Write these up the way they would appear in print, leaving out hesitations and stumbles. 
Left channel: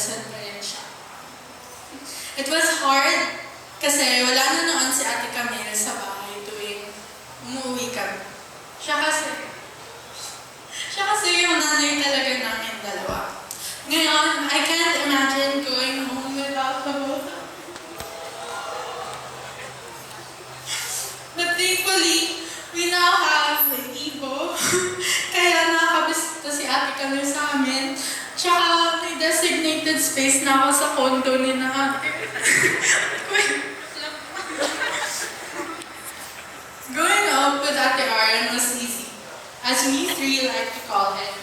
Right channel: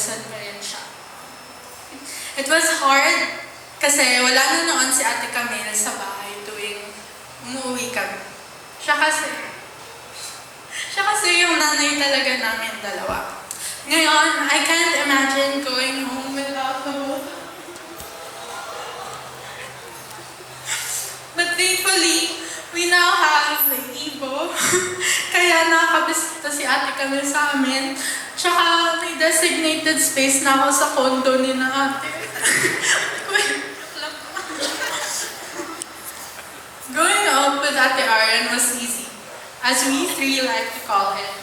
nagdasal pa rin siya. It was hard kasi wala na noon si Ate Camille sa bahay tuwing umuwi kami. Siya kasi yung nanay talaga namin dalawa. Ngayon, I can't imagine going home without the both of them. But thankfully, we now have Ibo. Kaya nakakabisita si Ate Camille sa amin. Tsaka may designated space na ako sa condo ni na ate. Growing up with Ate Arian was easy, as we three like to call it.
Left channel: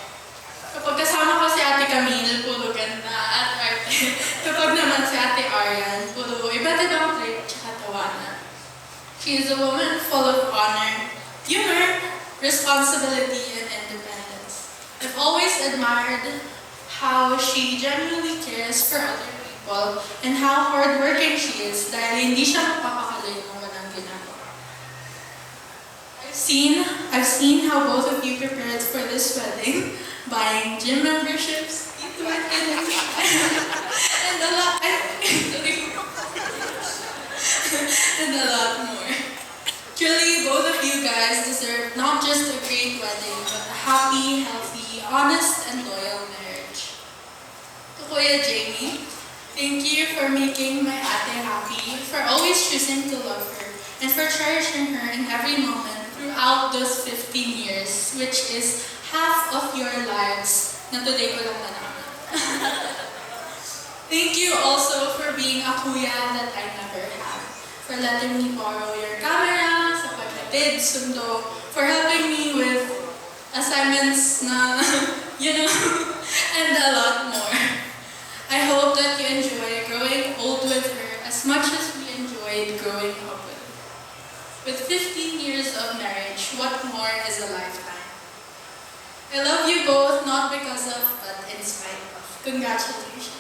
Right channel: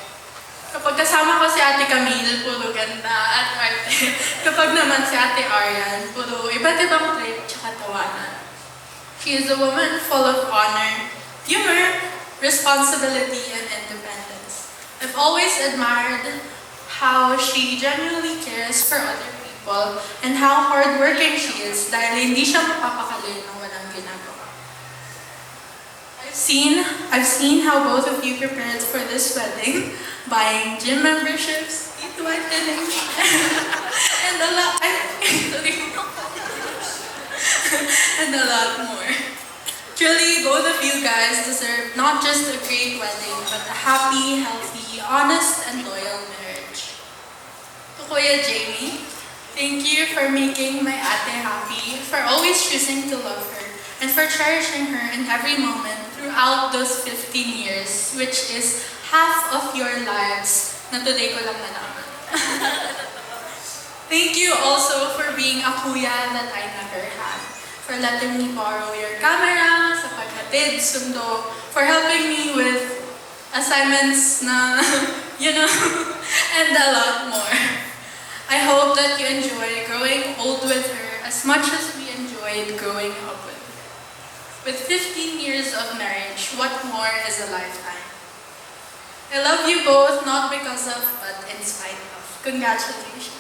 Kapag kasama ko si Ate Camille, puro ganda at arte. Kapag naman si Ate Arian, puro iba't ibang trip tsaka tawanan. She is a woman full of honor, humor, responsibility, and independence. I've always admired how she genuinely cares for other people and how hardworking she is dahil hindi siya mapapakali ng walang ginagawa. I've seen how both of you prepared for this wedding, buying gym memberships, and a lot, and a lot more. Truly, both of you guys deserve not just a great wedding, but a happy, healthy, honest, and loyal marriage. To Kuya Jamie, thank you for making my ate happy, for always choosing to love her, and for cherishing her in every moment throughout those 15 years, which is half of your lives na today ko lang nalaman. Thank you also for being a kuya that I never had, for letting me borrow your camera, sa paghatid, sundo, for helping me with assignments na, and a lot more. I hope that you enjoy growing old with her as much as we enjoyed growing up with her. With 15 years of marriage, what more is a lifetime? I love you both, not because of, but in spite of. Congratulations.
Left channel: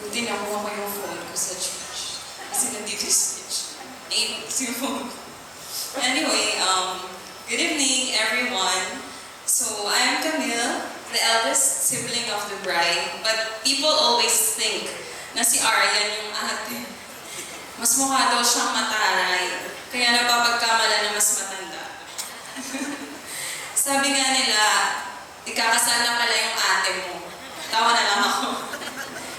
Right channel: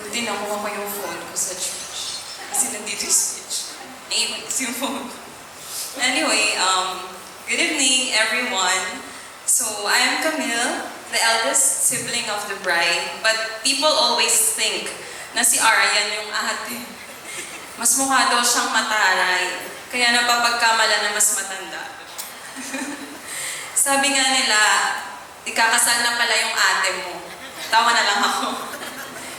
Pwede na kuha ko yung phone ko sa church. Kasi nandito yung speech. Ayun, yung phone. Anyway, good evening everyone. So, I am Camille, the eldest sibling of the bride, but people always think na si Arian yung ate. Mas mukha daw siyang mataray, kaya napapagkamala na mas matanda. Sabi nga nila, ikakasal na pala yung ate mo. Tawa na lang ako.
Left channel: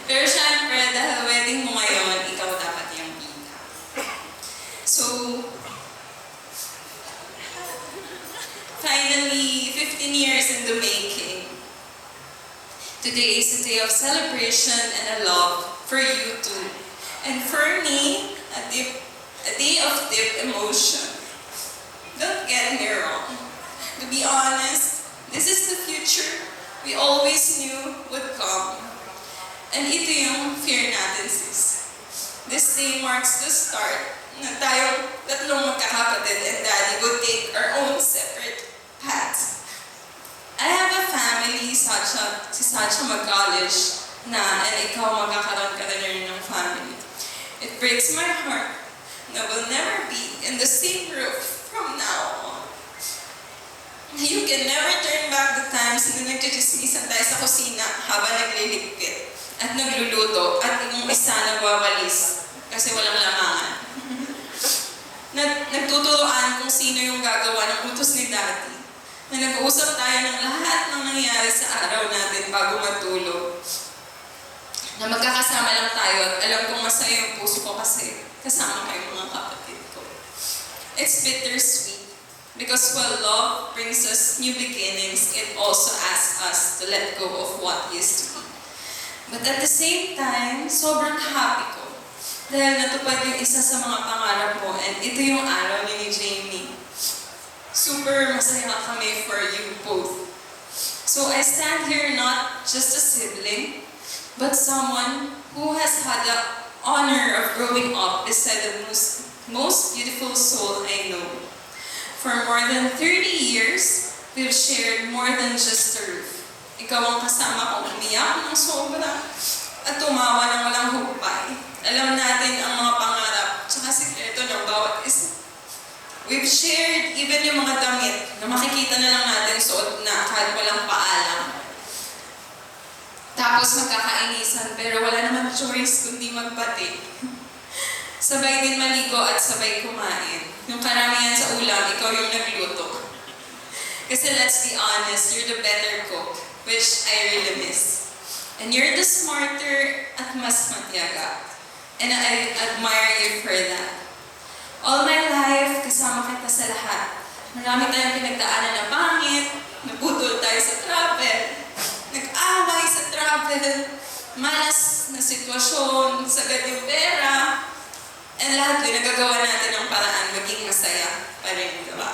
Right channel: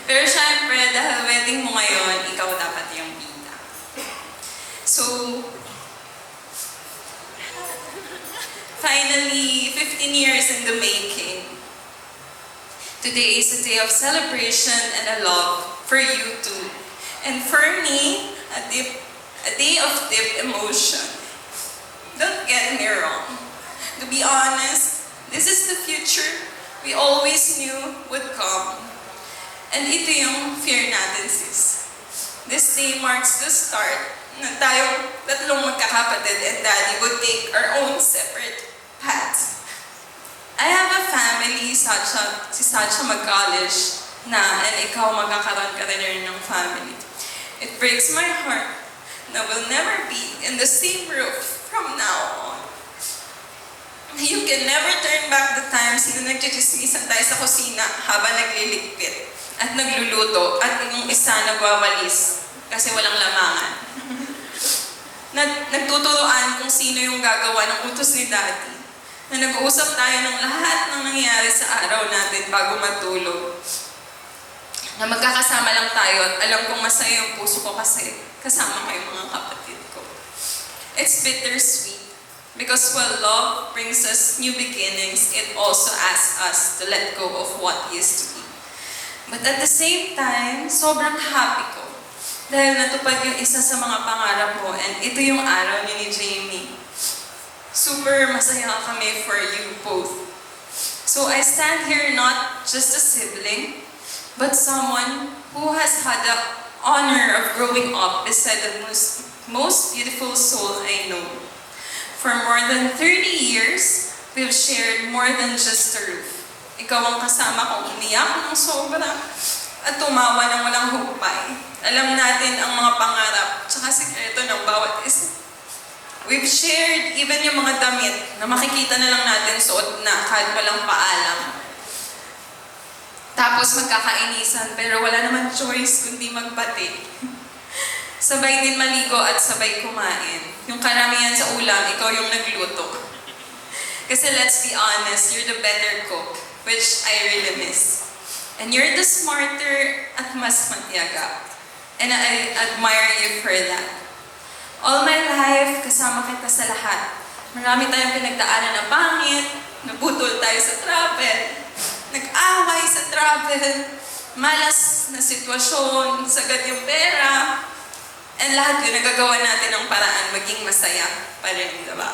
Pero syempre, dahil wedding mo ngayon, ikaw dapat yung bida. So, finally, 15 years in the making. Today is a day of celebration and a love for you too. And for me, a day of deep emotion. Don't get me wrong. To be honest, this is the future we always knew would come. And ito yung fear natin, sis. This day marks the start na tayong tatlong magkakapatid and daddy would take our own separate paths. I have a family, si Sacha mag-college na, and ikaw magkakaroon ka rin ng family. It breaks my heart na we'll never be in the same roof from now on. You can never turn back the times na nagchichismisan tayo sa kusina habang nagliligpit at nagluluto at yung isa nagwawalis kasi walang lamangan. Nagtuturoan kung sino yung gagawa ng utos ni Daddy. Na nag-uusap tayo ng lahat ng nangyayari sa araw natin bago matulog. Na magkakasama lang tayo at alam kong masaya yung puso ko kasi kasama kayo mga kapatid ko. It's bittersweet because while love brings us new beginnings, it also asks us to let go of what used to be. But at the same time, sobrang happy ko dahil natupad yung isa sa mga pangarap mo and ito yung araw ni Jamie. Super masaya kami for you both. So I stand here not just a sibling, but someone who has had the honor of growing up beside the most beautiful soul I know. For more than 30 years, we've shared more than just a roof. Ikaw ang kasama kong umiyak ng sobra at tumawa ng walang hukay. Alam natin ang mga pangarap tsaka sikreto ng bawat isa. We've shared even yung mga damit na makikita na lang natin suot na kahit walang paalam. Tapos magkakainisan pero wala naman choice kundi magbati. Sabay din maligo at sabay kumain. Yung karamihan sa ulam, ikaw yung nagluto. Kasi let's be honest, you're the better cook, which I really miss. And you're the smarter at mas matyaga. And I admire you for that. All my life, kasama kita sa lahat. Marami tayong pinagdaanan na pangit, naputol tayo sa travel, nag-away sa travel, malas na sitwasyon, sagad yung pera, and lahat yun nagagawa natin ng paraan maging masaya pa rin, diba?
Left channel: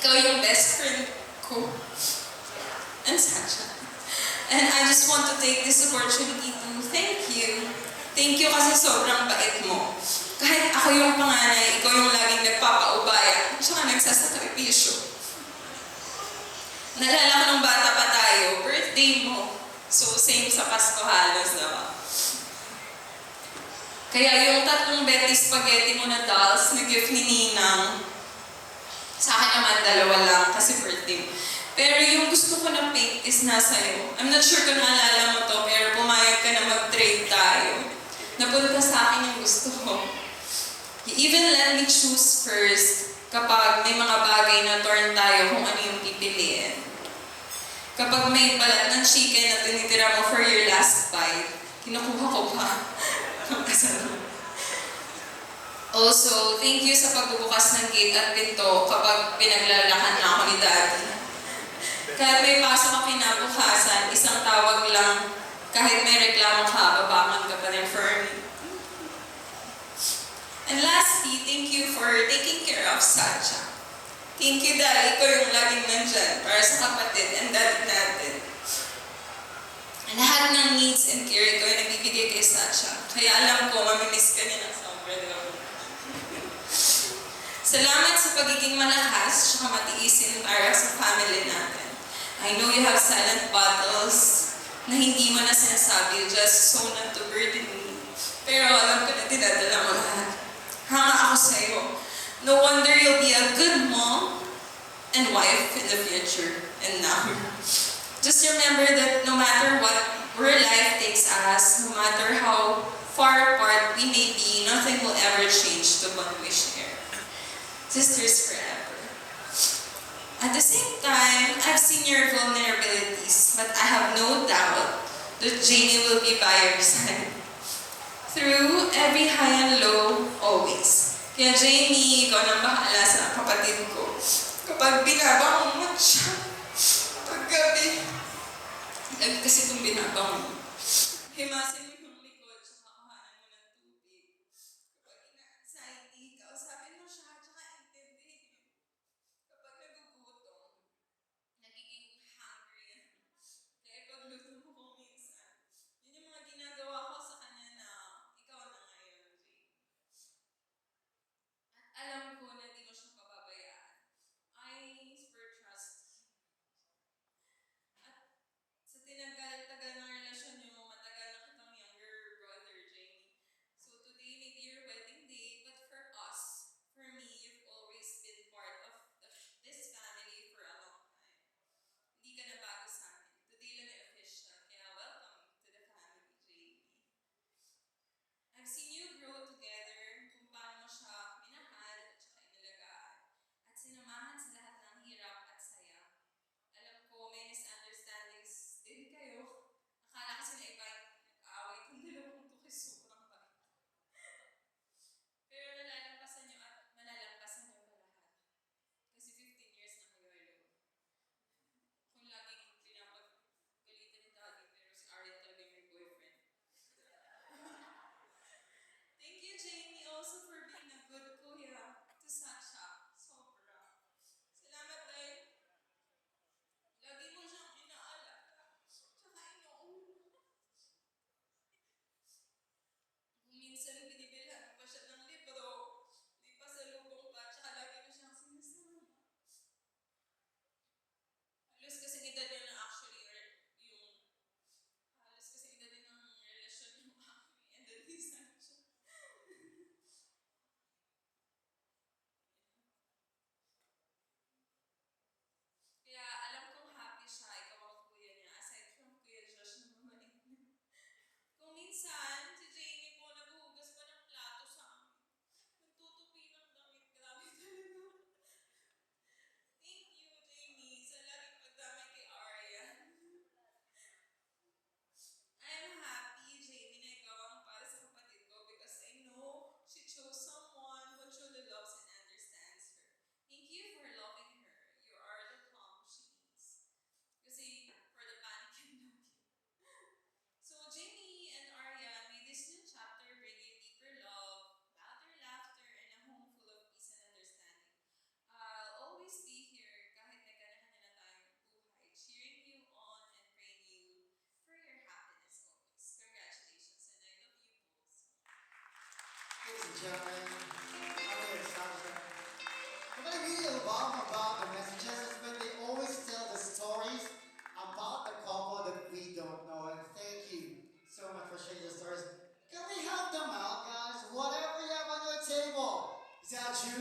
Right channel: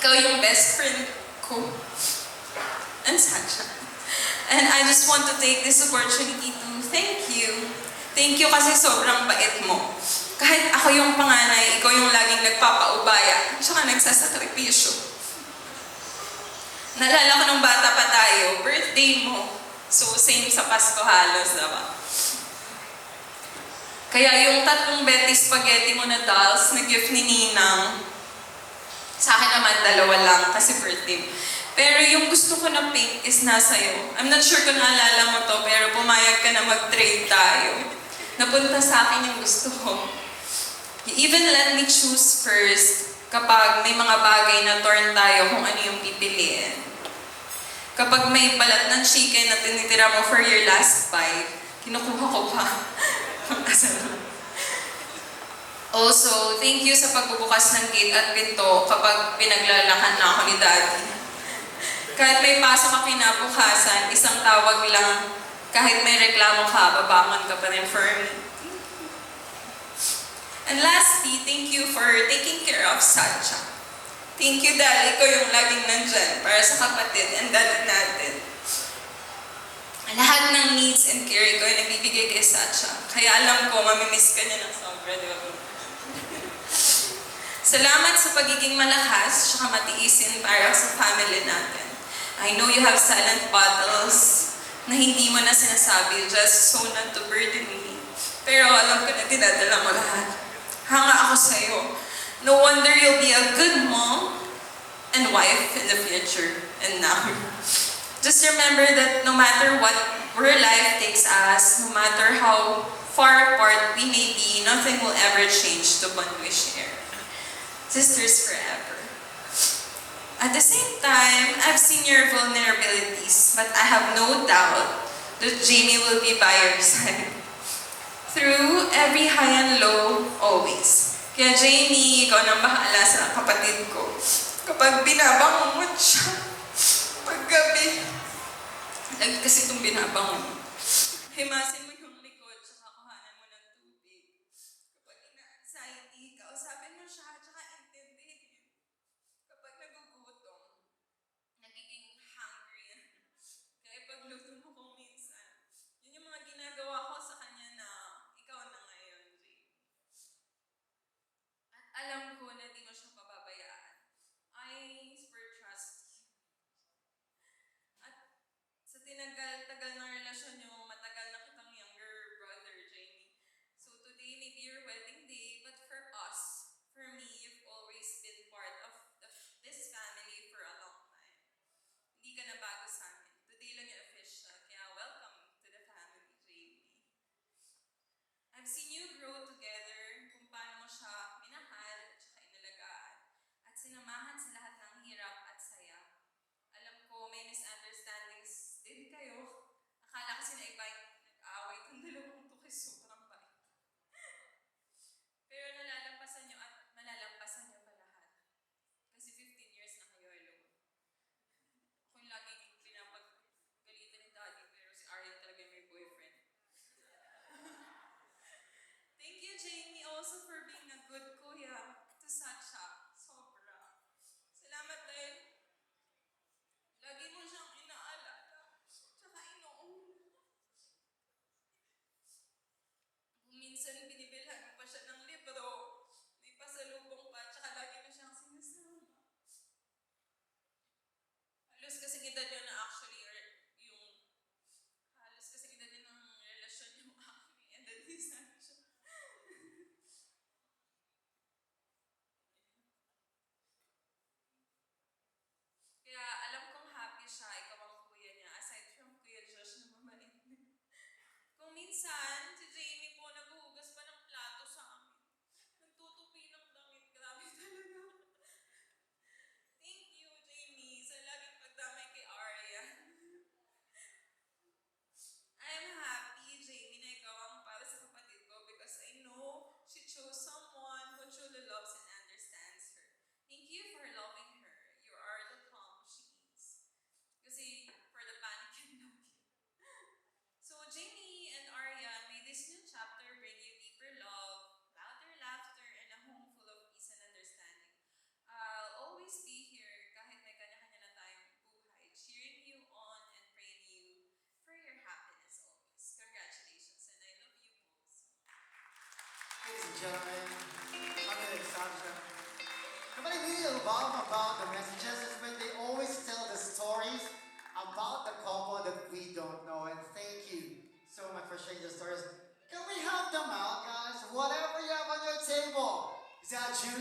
Ikaw yung best friend ko, and Sasha. And I just want to take this opportunity to thank you. Thank you kasi sobrang bait mo. Kahit ako yung panganay, ikaw yung laging nagpapaubaya, tsaka nagsasakripisyo. Naalala ko nung bata pa tayo, birthday mo. So, same sa Pasko halos, diba? Kaya yung 3 Betty Spaghetti mo na dolls na gift ni Ninang, sa akin naman 2 lang kasi birthday. Pero yung gusto ko na pink is nasa iyo. I'm not sure kung naalala mo to, pero pumayag ka na mag-trade tayo. Napunta sa akin yung gusto ko. You even let me choose first kapag may mga bagay na torn tayo kung ano yung pipiliin. Kapag may balat ng chicken na tinitira mo for your last bite, kinukuha ko pa. Also, thank you sa pagbubukas ng gate at pinto kapag pinaglalakan na ako ni Daddy. Kahit may pasok ka kinabukasan, isang tawag lang, kahit may reklamo ka, babangon ka pa rin for me. And lastly, thank you for taking care of Sacha. Thank you, Daddy, ko yung laging nandyan para sa kapatid and daddy natin. Lahat ng needs and care ko ay nabibigay kay Sacha. Kaya alam ko, mamimiss ka niya ng sobra. Salamat sa pagiging malakas at matiisin para sa family natin. I know you have silent battles na hindi mo na sinasabi just so not to burden me. Pero alam ko na dinadala mo lahat. Hanga ako sa'yo. No wonder you'll be a good mom and wife in the future and now. Just remember that no matter where life takes us, no matter how far apart we may be, nothing will ever change the bond we share. Sisters forever. At the same time, I've seen your vulnerabilities, but I have no doubt that Jamie will be by your side. Through every high and low, always. Kaya Jamie, ikaw nang bahala sa kapatid ko. Kapag binabangon mo siya, paggabi, kasi itong binabangon mo. Himasin mo yung likod, tsaka kuhanan mo ng tubig. Kapag ina-anxiety, kausapin mo siya, tsaka intindihin. Kapag nagugutom, nagiging hungry. Kaya pagluto mo kung minsan, yun yung mga ginagawa ko sa kanya na ikaw na ngayon, Jay. At alam ko na di mo siya pababayaan. I for trust. At sa tinagal-tagal ng relasyon niyo, matagal na kitang Ladies and gentlemen, I'm going to establish that. What I really love about the messages is when they always tell the stories about the couple that we don't know. And thank you so much for sharing the stories. Can we help them out, guys? Whatever you have on your table. Is that juice?